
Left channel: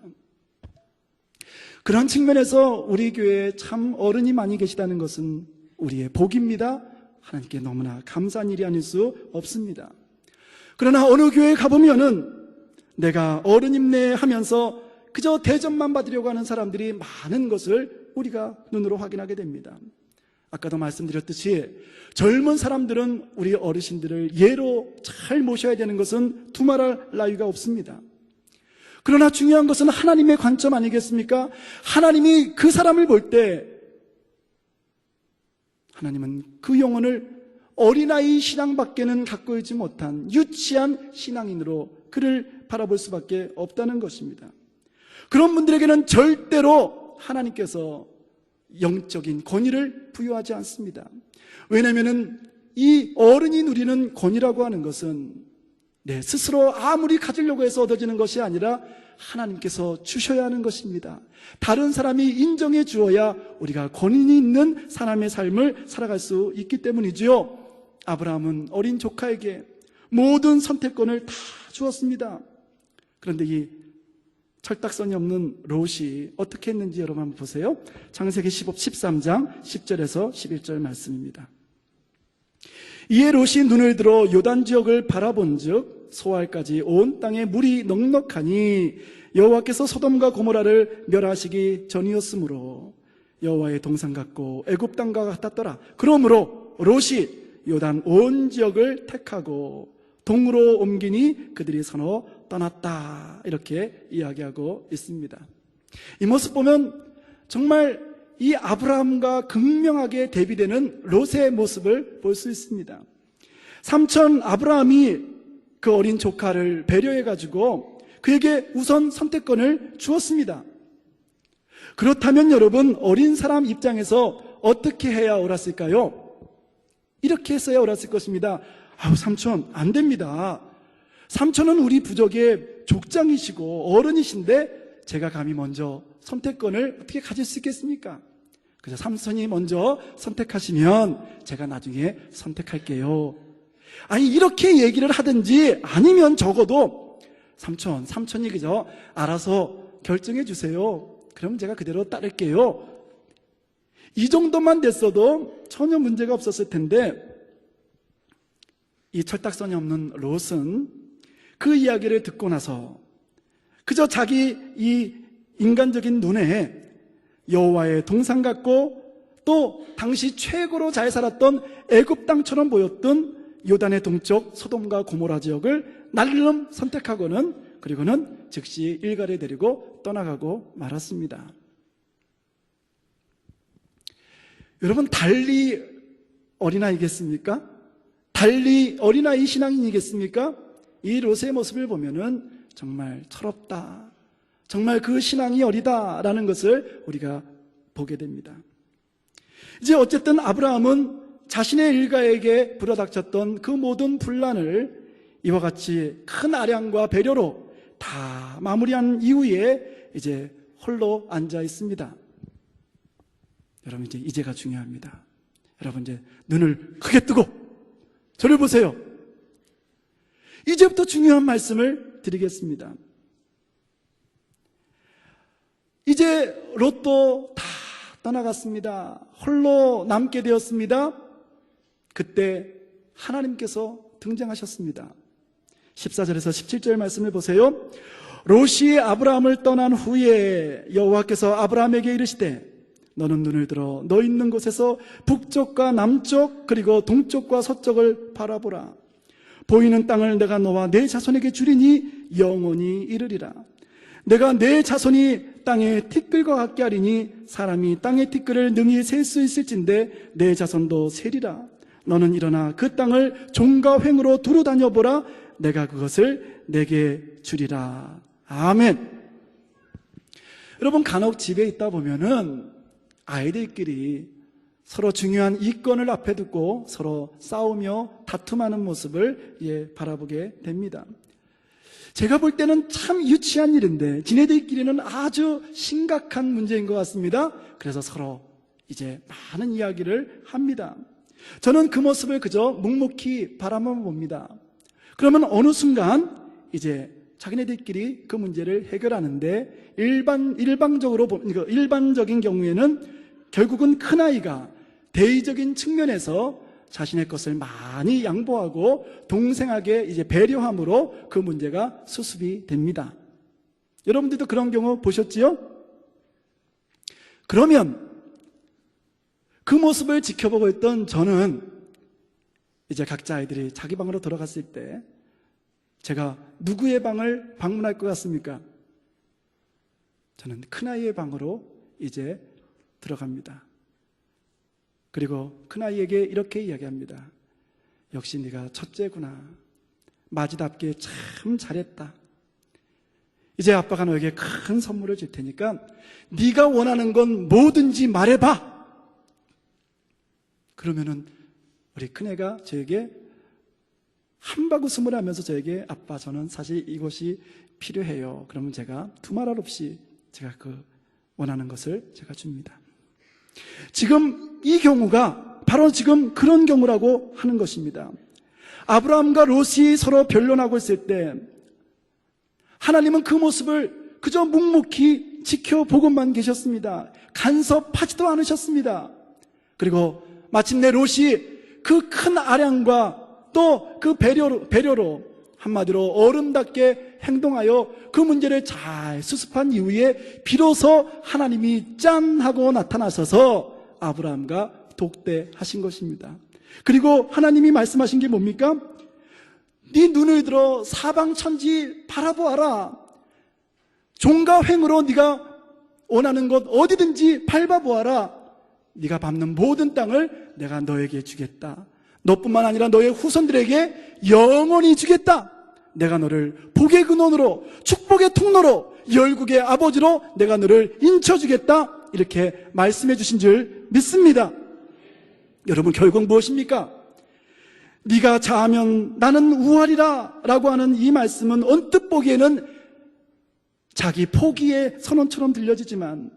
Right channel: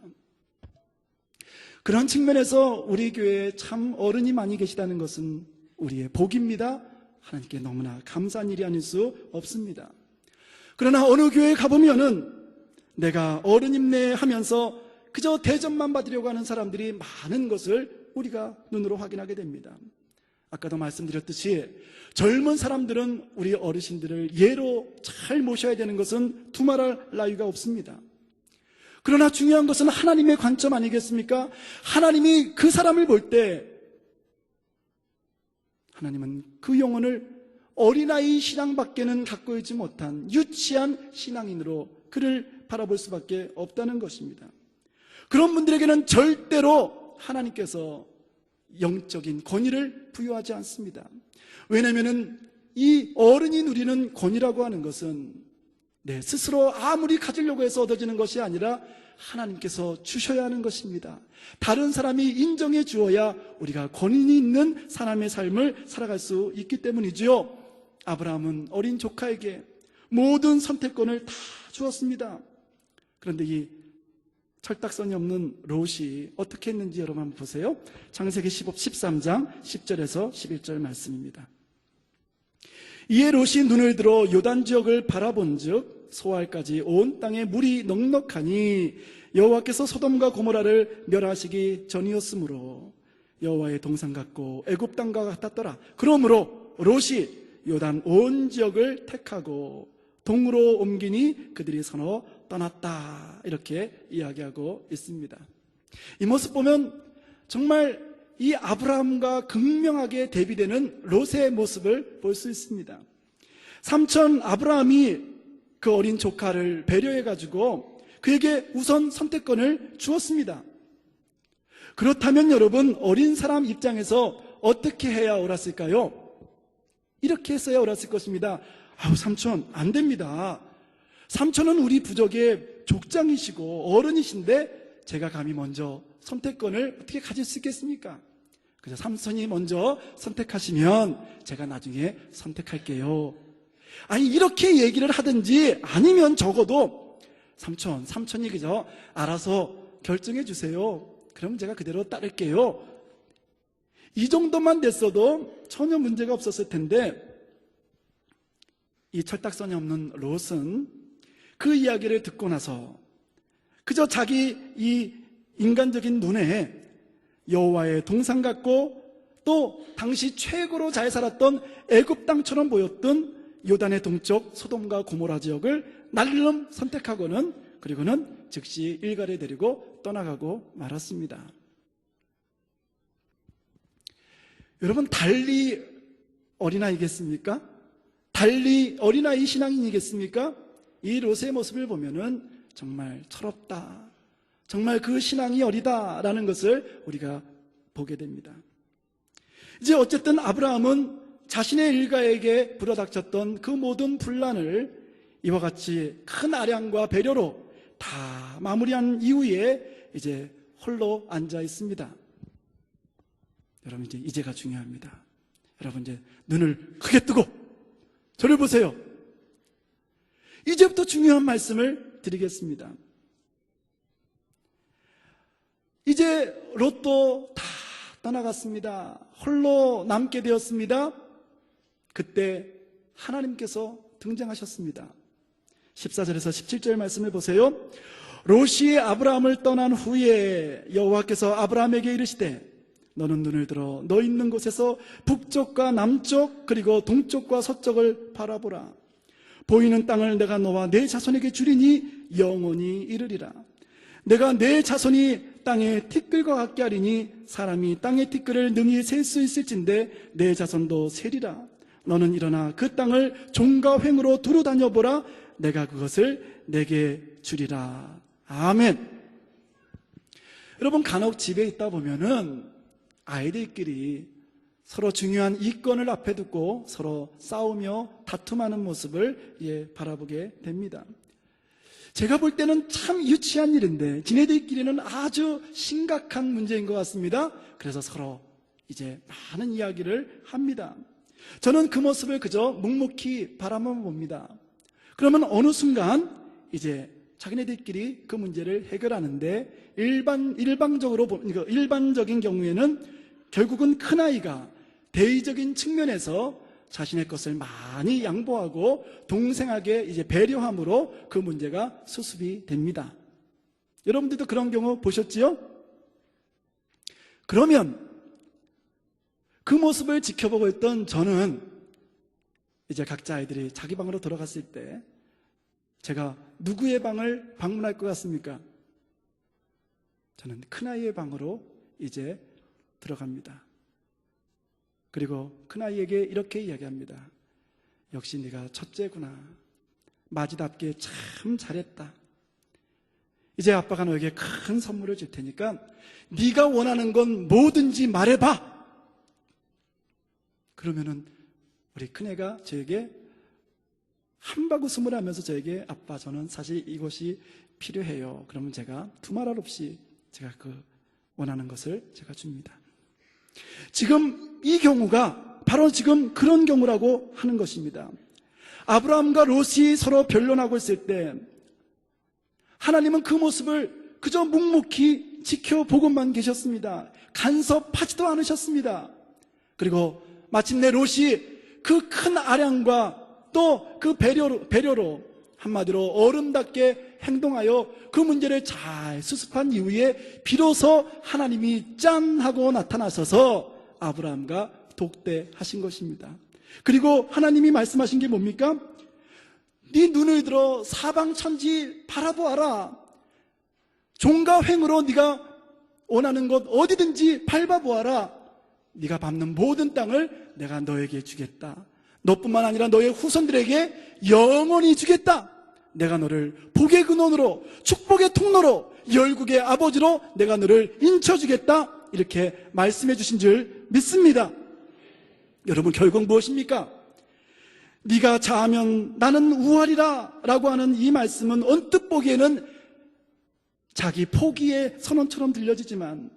그런 측면에서 우리 교회에 참 어른이 많이 계시다는 것은 우리의 복입니다. 하나님께 너무나 감사한 일이 아닐 수 없습니다. 그러나 어느 교회에 가보면은 내가 어른임내 하면서 그저 대접만 받으려고 하는 사람들이 많은 것을 우리가 눈으로 확인하게 됩니다. 아까도 말씀드렸듯이 젊은 사람들은 우리 어르신들을 예로 잘 모셔야 되는 것은 두말할 나위가 없습니다. 그러나 중요한 것은 하나님의 관점 아니겠습니까? 하나님이 그 사람을 볼 때 하나님은 그 영혼을 어린아이 신앙밖에는 갖고 있지 못한 유치한 신앙인으로 그를 바라볼 수밖에 없다는 것입니다. 그런 분들에게는 절대로 하나님께서 영적인 권위를 부여하지 않습니다. 왜냐하면 이 어른이 누리는 권위라고 하는 것은 내 스스로 아무리 가지려고 해서 얻어지는 것이 아니라 하나님께서 주셔야 하는 것입니다. 다른 사람이 인정해 주어야 우리가 권위 있는 사람의 삶을 살아갈 수 있기 때문이지요. 아브라함은 어린 조카에게 모든 선택권을 다 주었습니다. 그런데 이 철딱선이 없는 롯이 어떻게 했는지 여러분 한번 보세요. 창세기 13장 10절에서 11절 말씀입니다. 이에 롯이 눈을 들어 요단 지역을 바라본즉 소알까지 온 땅에 물이 넉넉하니 여호와께서 소돔과 고모라를 멸하시기 전이었으므로 여호와의 동산 같고 애굽 땅과 같았더라. 그러므로 롯이 요단 온 지역을 택하고 동으로 옮기니 그들이 서로 떠났다. 이렇게 이야기하고 있습니다. 이 모습 보면 정말 이 아브라함과 극명하게 대비되는 롯의 모습을 볼 수 있습니다. 삼촌 아브라함이 그 어린 조카를 배려해가지고 그에게 우선 선택권을 주었습니다. 그렇다면 여러분, 어린 사람 입장에서 어떻게 해야 옳았을까요? 이렇게 했어야 옳았을 것입니다. 아우, 삼촌 안 됩니다. 삼촌은 우리 부족의 족장이시고 어른이신데 제가 감히 먼저 선택권을 어떻게 가질 수 있겠습니까? 그래서 삼손이 먼저 선택하시면 제가 나중에 선택할게요. 아니, 이렇게 얘기를 하든지 아니면 적어도 삼촌이 그저 알아서 결정해 주세요. 그럼 제가 그대로 따를게요. 이 정도만 됐어도 전혀 문제가 없었을 텐데 이 철딱선이 없는 롯은 그 이야기를 듣고 나서 그저 자기 이 인간적인 눈에 여호와의 동산 같고 또 당시 최고로 잘 살았던 애굽 땅처럼 보였던 요단의 동쪽 소돔과 고모라 지역을 날름 선택하고는 그리고는 즉시 일가를 데리고 떠나가고 말았습니다. 여러분, 달리 어린아이겠습니까? 달리 어린아이 신앙인이겠습니까? 이 롯의 모습을 보면은 정말 철없다, 정말 그 신앙이 어리다라는 것을 우리가 보게 됩니다. 이제 어쨌든 아브라함은 자신의 일가에게 불어닥쳤던 그 모든 분란을 이와 같이 큰 아량과 배려로 다 마무리한 이후에 이제 홀로 앉아 있습니다. 여러분 이제 이제가 중요합니다. 여러분 이제 눈을 크게 뜨고 저를 보세요. 이제부터 중요한 말씀을 드리겠습니다. 이제 롯도 다 떠나갔습니다. 홀로 남게 되었습니다. 그때 하나님께서 등장하셨습니다. 14절에서 17절 말씀을 보세요. 롯이 아브라함을 떠난 후에 여호와께서 아브라함에게 이르시되 너는 눈을 들어 너 있는 곳에서 북쪽과 남쪽 그리고 동쪽과 서쪽을 바라보라. 보이는 땅을 내가 너와 내 자손에게 주리니 영원히 이르리라. 내가 내 자손이 땅의 티끌과 같게 하리니 사람이 땅의 티끌을 능히 셀 수 있을진데 내 자손도 세리라. 너는 일어나 그 땅을 종과 횡으로 두루 다녀보라. 내가 그것을 내게 주리라. 아멘. 여러분 간혹 집에 있다 보면은 아이들끼리 서로 중요한 이권을 앞에 두고 서로 싸우며 다툼하는 모습을 바라보게 됩니다. 제가 볼 때는 참 유치한 일인데 지네들끼리는 아주 심각한 문제인 것 같습니다. 그래서 서로 이제 많은 이야기를 합니다. 저는 그 모습을 그저 묵묵히 바라만 봅니다. 그러면 어느 순간 이제 자기네들끼리 그 문제를 해결하는데 일반적인 경우에는 결국은 큰아이가 대의적인 측면에서 자신의 것을 많이 양보하고 동생에게 이제 배려함으로 그 문제가 수습이 됩니다. 여러분들도 그런 경우 보셨지요? 그러면 그 모습을 지켜보고 있던 저는 이제 각자 아이들이 자기 방으로 들어갔을 때 제가 누구의 방을 방문할 것 같습니까? 저는 큰아이의 방으로 이제 들어갑니다. 그리고 큰아이에게 이렇게 이야기합니다. 역시 네가 첫째구나. 마지답게 참 잘했다. 이제 아빠가 너에게 큰 선물을 줄 테니까 네가 원하는 건 뭐든지 말해봐. 그러면은 우리 큰애가 저에게 한바구음을 하면서 저에게 아빠 저는 사실 이것이 필요해요. 그러면 제가 두말할 없이 제가 그 원하는 것을 제가 줍니다. 지금 이 경우가 바로 지금 그런 경우라고 하는 것입니다. 아브라함과 롯이 서로 변론하고 있을 때 하나님은 그 모습을 그저 묵묵히 지켜보고만 계셨습니다. 간섭하지도 않으셨습니다. 그리고 마침내 롯이 그 큰 아량과 또 그 배려로 한마디로 어른답게 행동하여 그 문제를 잘 수습한 이후에 비로소 하나님이 짠 하고 나타나셔서 아브라함과 독대하신 것입니다. 그리고 하나님이 말씀하신 게 뭡니까? 네 눈을 들어 사방천지 바라보아라. 종과 횡으로 네가 원하는 것 어디든지 밟아보아라. 네가 밟는 모든 땅을 내가 너에게 주겠다. 너뿐만 아니라 너의 후손들에게 영원히 주겠다. 내가 너를 복의 근원으로 축복의 통로로 열국의 아버지로 내가 너를 인쳐주겠다. 이렇게 말씀해 주신 줄 믿습니다. 여러분 결국 무엇입니까? 네가 자하면 나는 우하리라 라고 하는 이 말씀은 언뜻 보기에는 자기 포기의 선언처럼 들려지지만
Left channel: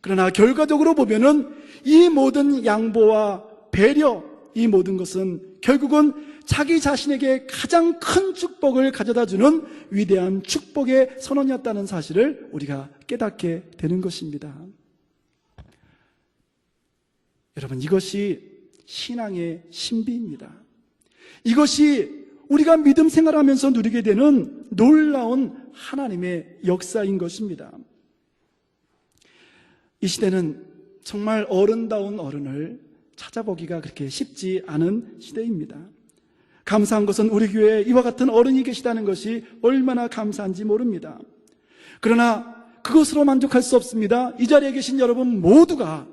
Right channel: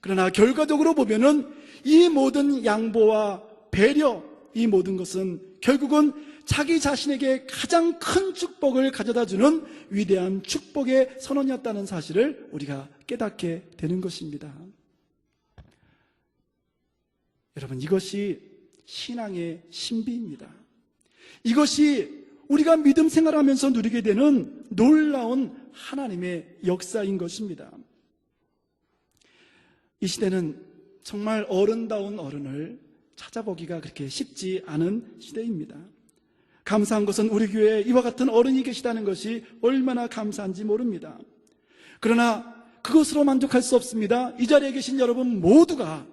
그러나 결과적으로 보면은 이 모든 양보와 배려, 이 모든 것은 결국은 자기 자신에게 가장 큰 축복을 가져다 주는 위대한 축복의 선언이었다는 사실을 우리가 깨닫게 되는 것입니다. 여러분 이것이 신앙의 신비입니다. 이것이 우리가 믿음 생활하면서 누리게 되는 놀라운 하나님의 역사인 것입니다. 이 시대는 정말 어른다운 어른을 찾아보기가 그렇게 쉽지 않은 시대입니다. 감사한 것은 우리 교회에 이와 같은 어른이 계시다는 것이 얼마나 감사한지 모릅니다. 그러나 그것으로 만족할 수 없습니다. 이 자리에 계신 여러분 모두가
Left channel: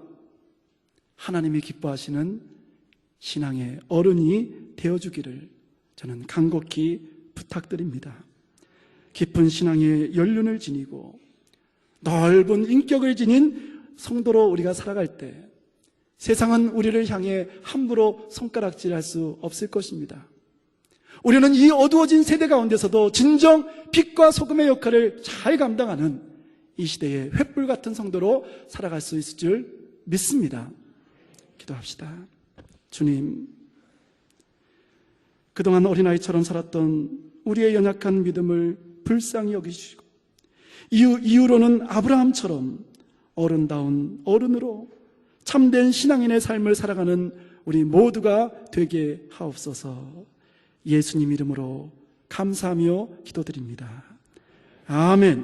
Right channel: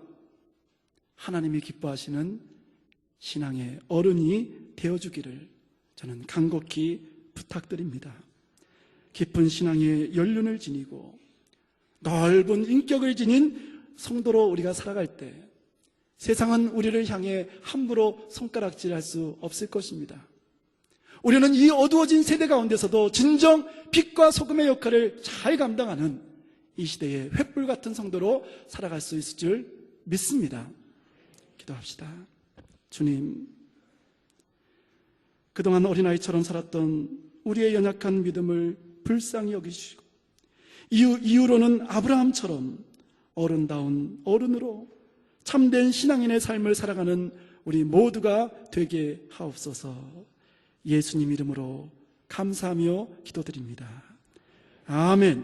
하나님이 기뻐하시는 신앙의 어른이 되어주기를 저는 간곡히 부탁드립니다. 깊은 신앙의 연륜을 지니고 넓은 인격을 지닌 성도로 우리가 살아갈 때 세상은 우리를 향해 함부로 손가락질할 수 없을 것입니다. 우리는 이 어두워진 세대 가운데서도 진정 빛과 소금의 역할을 잘 감당하는 이 시대의 횃불 같은 성도로 살아갈 수 있을 줄 믿습니다. 기도합시다. 주님, 그동안 어린아이처럼 살았던 우리의 연약한 믿음을 불쌍히 여기시고 이후로는 아브라함처럼 어른다운 어른으로 참된 신앙인의 삶을 살아가는 우리 모두가 되게 하옵소서. 예수님 이름으로 감사하며 기도드립니다. 아멘.